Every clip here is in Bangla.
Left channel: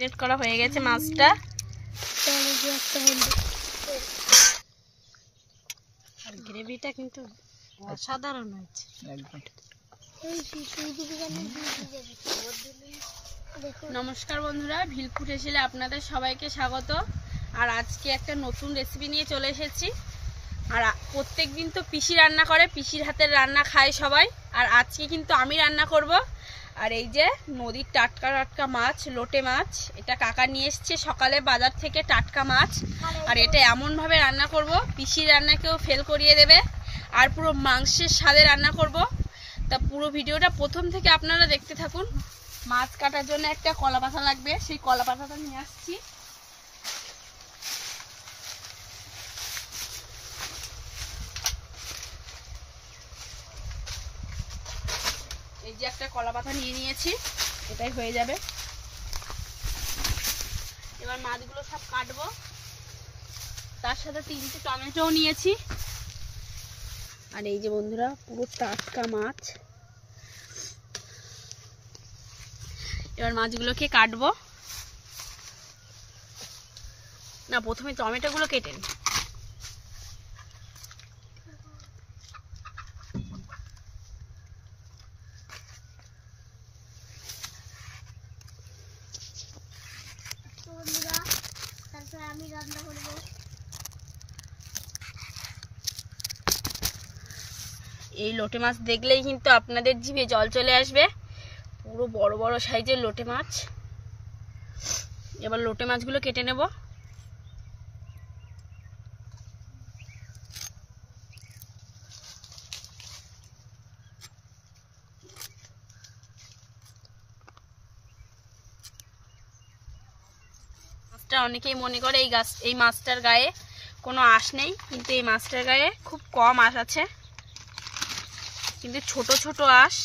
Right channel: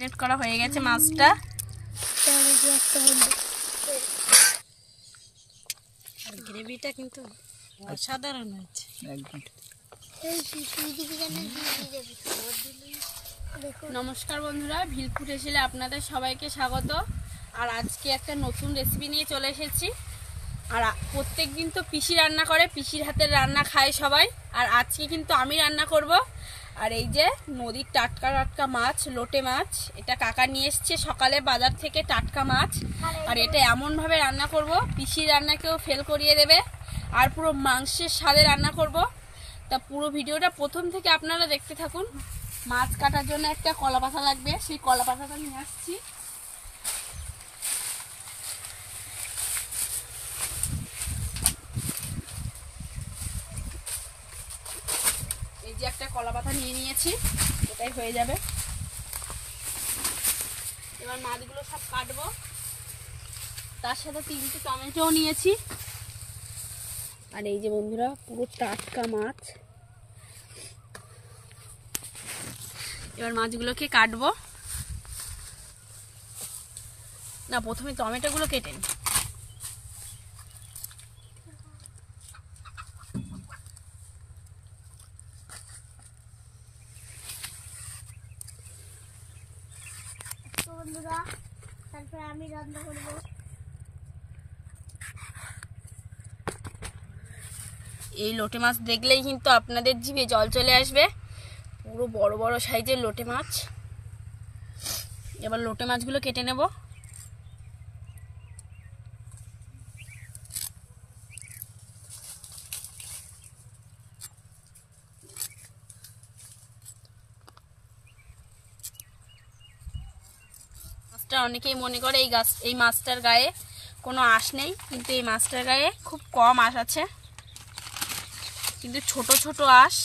রেড করা হয়ে গেছে মাছটা। আর গ্রেভিটা কিন্তু অসাধারণ হয়েছে একদম। নমস্কার বন্ধুরা, ভিলপুর এসেলে আপনাদের সবাইকে স্বাগত। আর আজকে একটা নতুন রেসিপি নিয়ে চলে এসেছি। আর প্রত্যেক দিন তো পিসি রান্না করে, পিসির হাতের রান্না খায় সবাই। আর আজকে কিন্তু আমি রান্না করব। আর এই যে নদীর টাটকা টাটকা মাছ, লোটে মাছ, এটা কাকা নিয়ে এসছে সকালে বাজার থেকে, টাটকা মাছ। আর এটা এমনভাবে রান্না করব পিসির রান্নাকেও ফেল করিয়ে দেবে। আর পুরো মাংসের স্বাদে রান্না করব। তা পুরো ভিডিওটা প্রথম থেকে আপনারা দেখতে থাকুন। মাছ কাটার জন্য একটা কলা পাতা লাগবে, সেই কলা পাতাটা নিয়ে আসছি। এই যে একটা কলা পাতা নিয়ে নিয়েছি, এটাই হয়ে যাবে। এবার মাছগুলো সব কাটবো। তার সাথে 3টে টমেটোও নিয়েছি। আর এই যে বন্ধুরা পুরো টাটকা মাছ। এবার মাছগুলোকে কাটবো। না, প্রথমে টমেটোগুলো কেটে নিই। আমি রান্না করব। এই লোটে মাছ দেখলেই কিন্তু আপনাদের জিভে জল চলে আসবে। পুরো বড় বড় সাইজের লোটে মাছ। এবার লোটে মাছগুলো কেটে নেব। মাছটা অনেকেই মনে করে এই মাছটার গায়ে কোনো আঁশ নেই, কিন্তু এই মাছটার গায়ে খুব কম আঁশ আছে, কিন্তু ছোট ছোট আঁশ।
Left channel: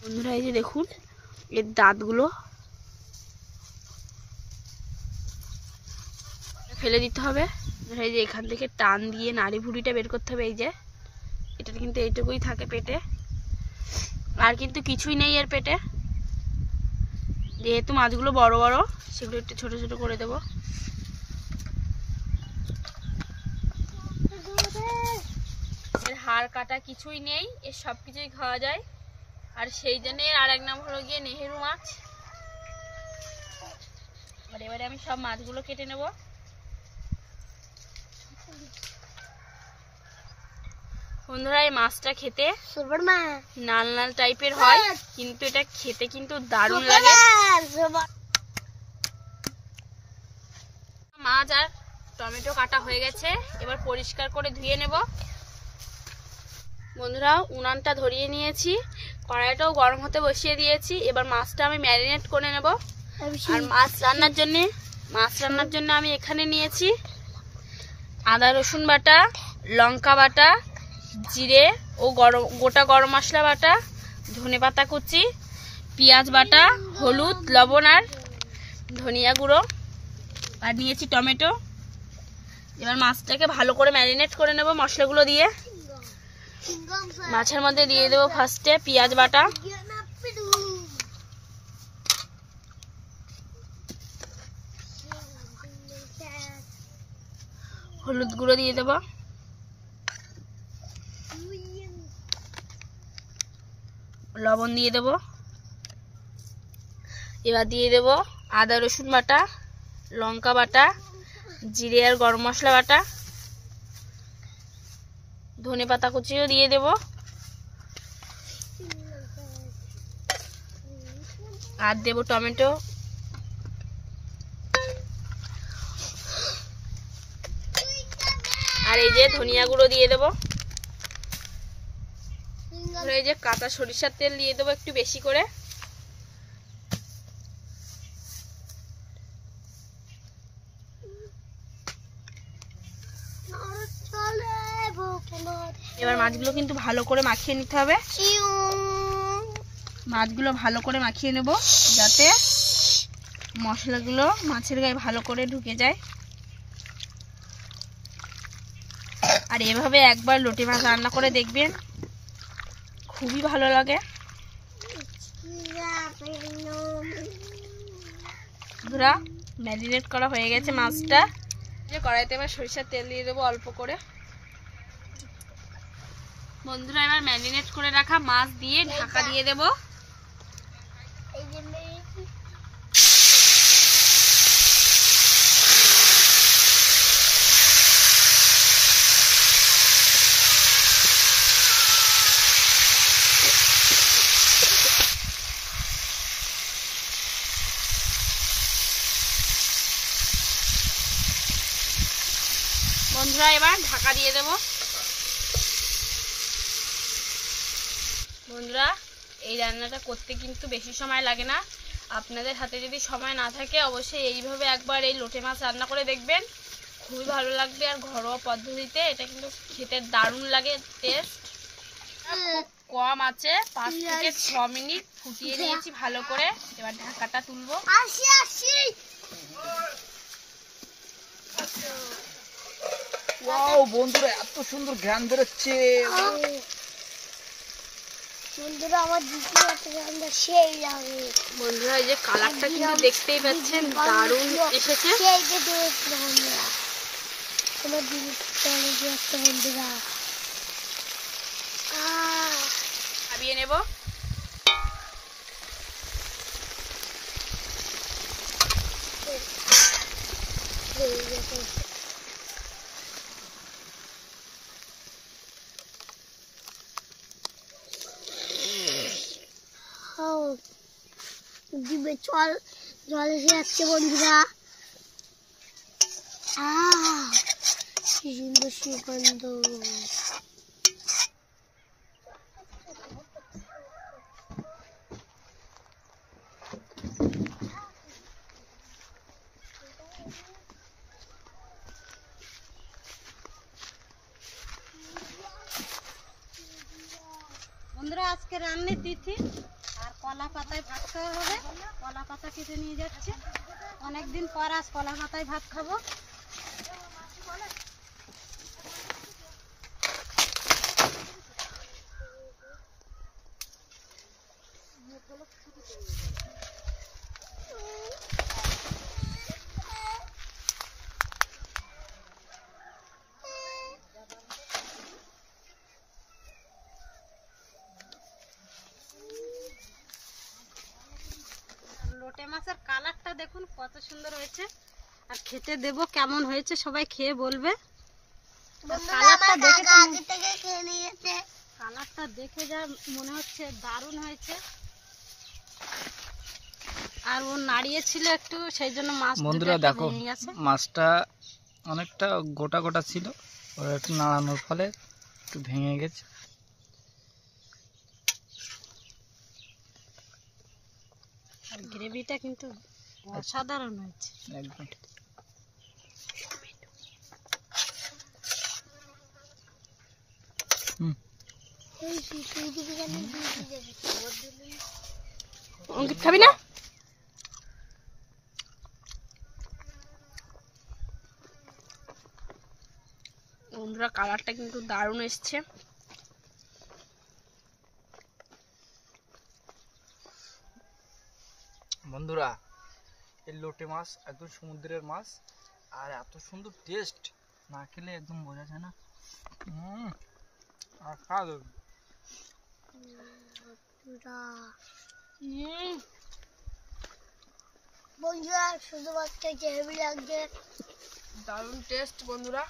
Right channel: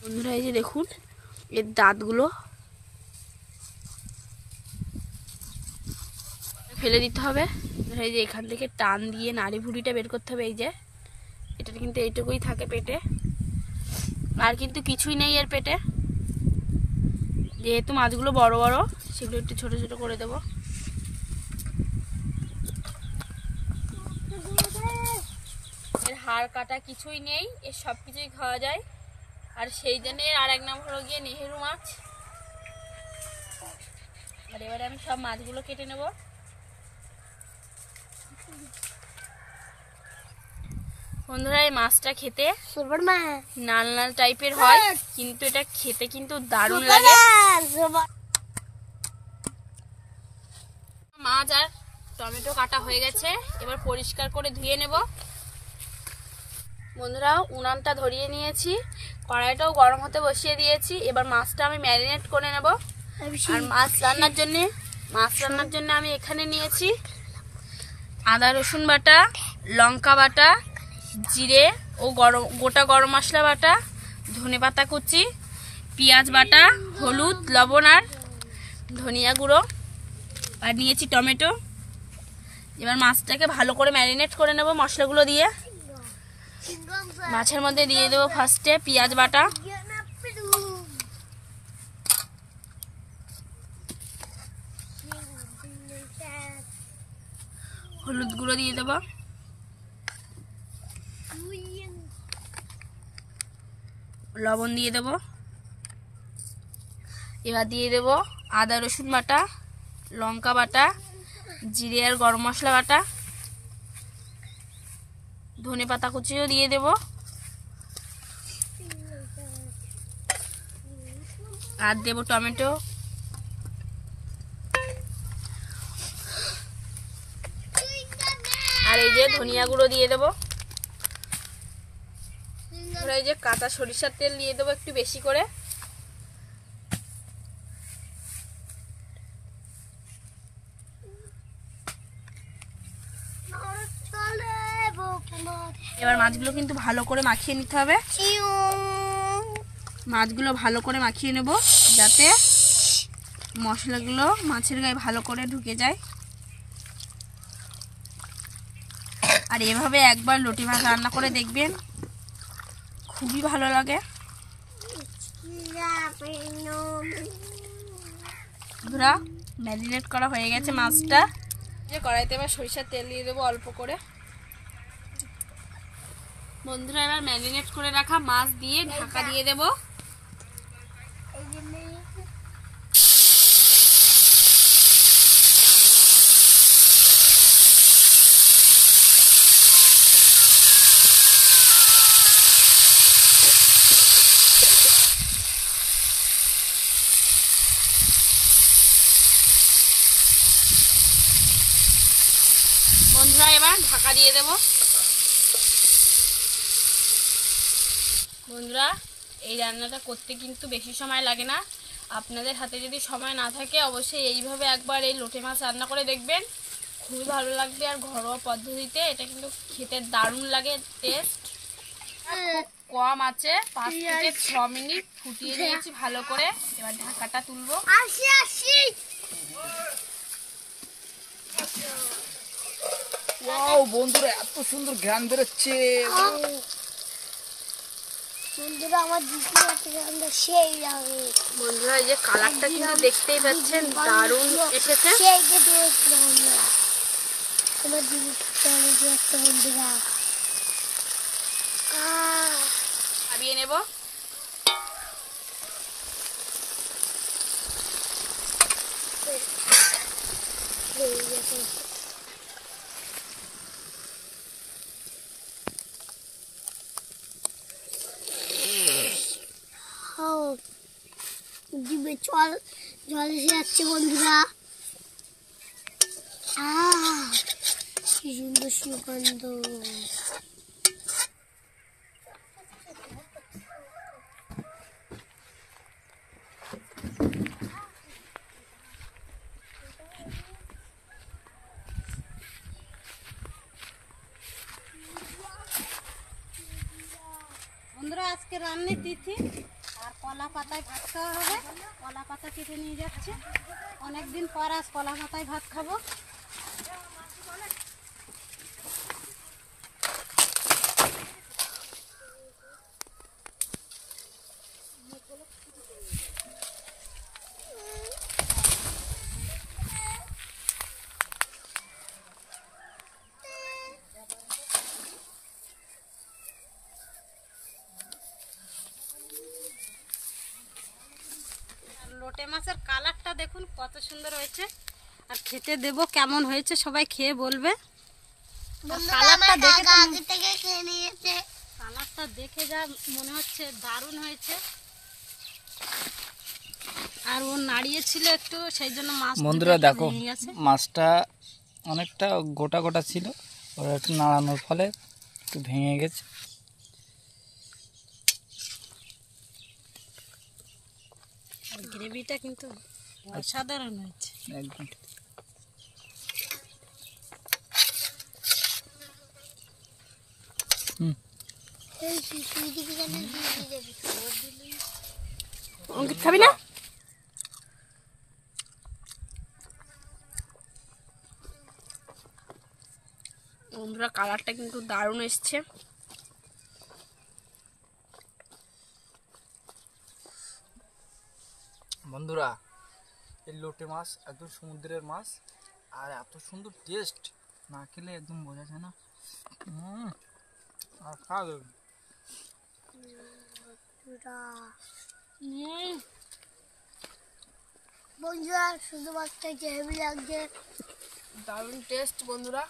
বন্ধুরা এই যে দেখুন এর দাঁতগুলো ফেলে দিতে হবে। এই যে এখান থেকে টান দিয়ে নাড়ি ভুড়িটা বের করতে হবে। এই যে এটা কিন্তু এইটুকুই থাকে পেটে, আর কিন্তু কিছুই নেই এর পেটে। যেহেতু মাছগুলো বড় বড়, সেগুলো একটু ছোট ছোট করে দেব। এর হাড় কাটা কিছুই নেই, এর সব কিছুই খাওয়া যায়। আর সেই জন্য আর এক নাম হলো গিয়ে নেহেরু মাছ। আর এবারে আমি সব মাছগুলো কেটে নেব। বন্ধুরা এই মাছটা খেতে লাল লাল টাইপের হয়, কিন্তু এটা খেতে কিন্তু দারুণ লাগে। মাছ আর টমেটো কাটা হয়ে গেছে, এবার পরিষ্কার করে ধুয়ে নেব। বন্ধুরা উনানটা ধরিয়ে নিয়েছি, কড়াইটাও গরম হতে বসিয়ে দিয়েছি। এবার মাছটা আমি ম্যারিনেট করে নেব। আর মাছ রান্নার জন্য আমি এখানে নিয়েছি আদা রসুন বাটা, লঙ্কা বাটা, জিরে ও গোটা গরম মশলা বাটা, ধনেপাতা কুচি, পেঁয়াজ বাটা, হলুদ, লবণ আর ধনিয়া গুঁড়ো, আর নিয়েছি টমেটো। এবার মাছটাকে ভালো করে ম্যারিনেট করে নেব মশলাগুলো দিয়ে। মাছের মধ্যে দিয়ে দেবো ফার্স্টে পেঁয়াজ বাটা, হলুদ গুঁড়ো দিয়ে দেবো, লবণ দিয়ে দেবো। এবার দিয়ে দেবো আদা রসুন বাটা, লঙ্কা বাটা, জিরে আর গরম মশলা বাটা, ধনেপাতা কুচিও দিয়ে দেব, আর দেব টমেটো। আর এই যে ধনিয়া গুঁড়ো দিয়ে দেব। এই যে কাঁচা সরিষার তেল দিয়ে দেবো একটু বেশি করে। এবার মাছগুলো কিন্তু ভালো করে মাখিয়ে নিতে হবে। মাছগুলো ভালো করে মাখিয়ে নেব, যাতে মশলাগুলো মাছের গায়ে ভালো করে ঢুকে যায়। আর এভাবে একবার লোটে মাছ রান্না করে দেখবেন, খুবই ভালো লাগে। বন্ধুরা ম্যারিনেট করা হয়ে গেছে মাছটা। যে কড়াইতে এবার সরিষার তেল দিয়ে দেবো অল্প করে। বন্ধুরা এবার ম্যারিনেট করে রাখা মাছ দিয়ে ঢাকা দিয়ে দেবো। বন্ধুরা এবার ঢাকা দিয়ে দেব। বন্ধুরা এই রান্নাটা করতে কিন্তু বেশি সময় লাগে না। আপনাদের হাতে যদি সময় না থাকে অবশ্যই এইভাবে একবার এই লোটে মাছ রান্না করে দেখবেন, খুবই ভালো লাগবে। আর ঘরোয়া পদ্ধতিতে এটা কিন্তু খেতে দারুণ লাগে টেস্ট। খুব কম আছে 5 থেকে 6 মিনিট ফুটিয়ে নিয়েছি ভালো করে। এবার ঢাকাটা তুলবো। ওয়াও বন্ধুরা এত সুন্দর ঘ্রাণ বেরোচ্ছে। বন্ধুরা আমার দ্বিতীয় একটা সেই লাগে। বন্ধুরা এই যে কালারটা কিন্তু দেখতেই পাচ্ছেন দারুণ এসেছে। সেইটা দেখতে বন্ধুরা তোমার দ্বিতীয় একটা বন্ধুরা খাবিয়ে নেব। জিভে জল এসে যাচ্ছে বন্ধুরা। কি সুন্দর সুগন্ধ। বন্ধুরা আজকে রান্নার তিথি আর কলা পাতায় ভাত খাওয়া হবে। কলা পাতা কেটে নিয়ে যাচ্ছে, অনেকদিন পর আজ কলা পাতায় ভাত খাবো। লোটে মাছের কালারটা দেখুন কত সুন্দর হয়েছে, আর খেতে দেব কেমন হয়েছে সবাই খেয়ে বলবে। কালারটা দেখে তো আগে থেকে খেয়ে নিয়েছে। কালারটা দেখে যা মনে হচ্ছে দারুণ হয়েছে। আর ও নাড়িয়েছিল একটু, সেই জন্য মাছ বন্ধুরা দেখো মাছটা অনেকটা গোটা গোটা ছিল, ওরা একটু নাড়ানোর ফলে একটু ভেঙে গেছে। আর গ্রেভিটা কিন্তু অসাধারণ হয়েছে একদম। অঙ্কিত খাবি না? বন্ধুরা কালারটা কিন্তু দারুণ এসছে। বন্ধুরা এই লোটে মাছ একদম সমুদ্রের মাছ, আর এত সুন্দর টেস্ট, না খেলে একদম বোঝা যায় না। আর খাওয়া যাবে। বন্ধুরা শুধু মাছটা হেভি লাগছে, দারুণ টেস্ট বন্ধুরা।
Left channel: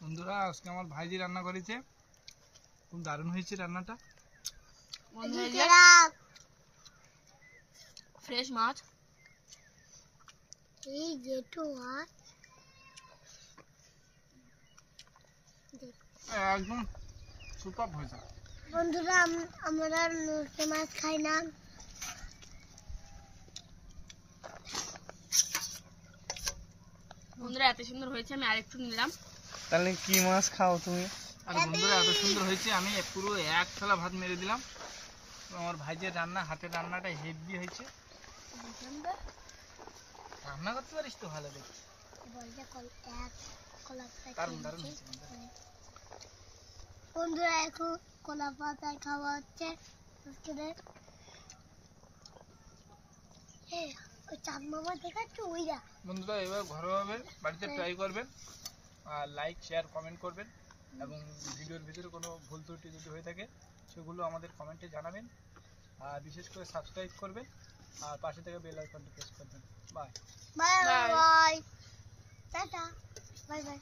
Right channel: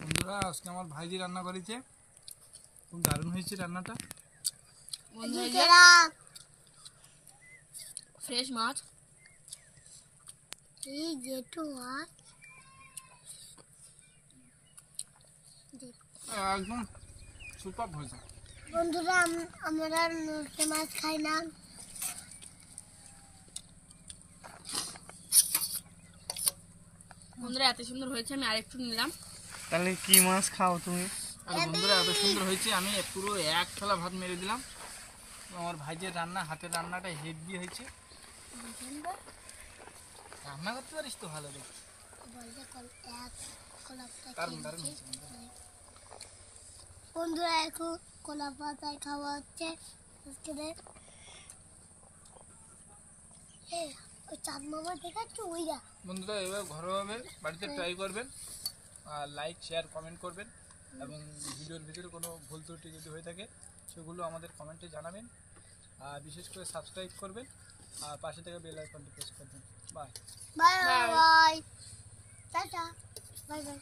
বন্ধুরা আজকে আমার ভাইজি রান্না করেছে, খুব দারুণ হয়েছে রান্নাটা। বন্ধুরা ফ্রেশ মাছ, এই জেঠু মাছ একদম সুপার হয়েছে। বন্ধুরা আমরা লোটে মাছ খাই না। বন্ধুরা এত সুন্দর হয়েছে, আমি আরেকটু নিলাম। তাহলে কি মাছ খাও তুমি? আর বন্ধুরা এত সুন্দর হয়েছে, আমি পুরো এক থালা ভাত মেরে দিলাম। আমার ভাইজের রান্না, হাতের রান্নাটা হেভি হয়েছে। রান্না করতে পারিস তো ভালো দেখি। বন্ধুরা এখন কলা পাতায় খাওয়া হচ্ছে। হ্যাঁ ওই চাঁদ মামা দেখাচ্ছ ওইরা। বন্ধুরা এভাবে ঘরোয়াভাবে বাড়িতে ট্রাই করবেন, আর লাইক শেয়ার কমেন্ট করবেন, এবং ভিডিওর ভিতরে কোনো ভুল ত্রুটি যদি হয়ে থাকে সেগুলো আমাদের কমেন্টে জানাবেন, আর বিশেষ করে সাবস্ক্রাইব করবেন, আর পাশে থেকে বেল আইকনটি প্রেস করবেন। Bye. Bye bye, tata, bye by.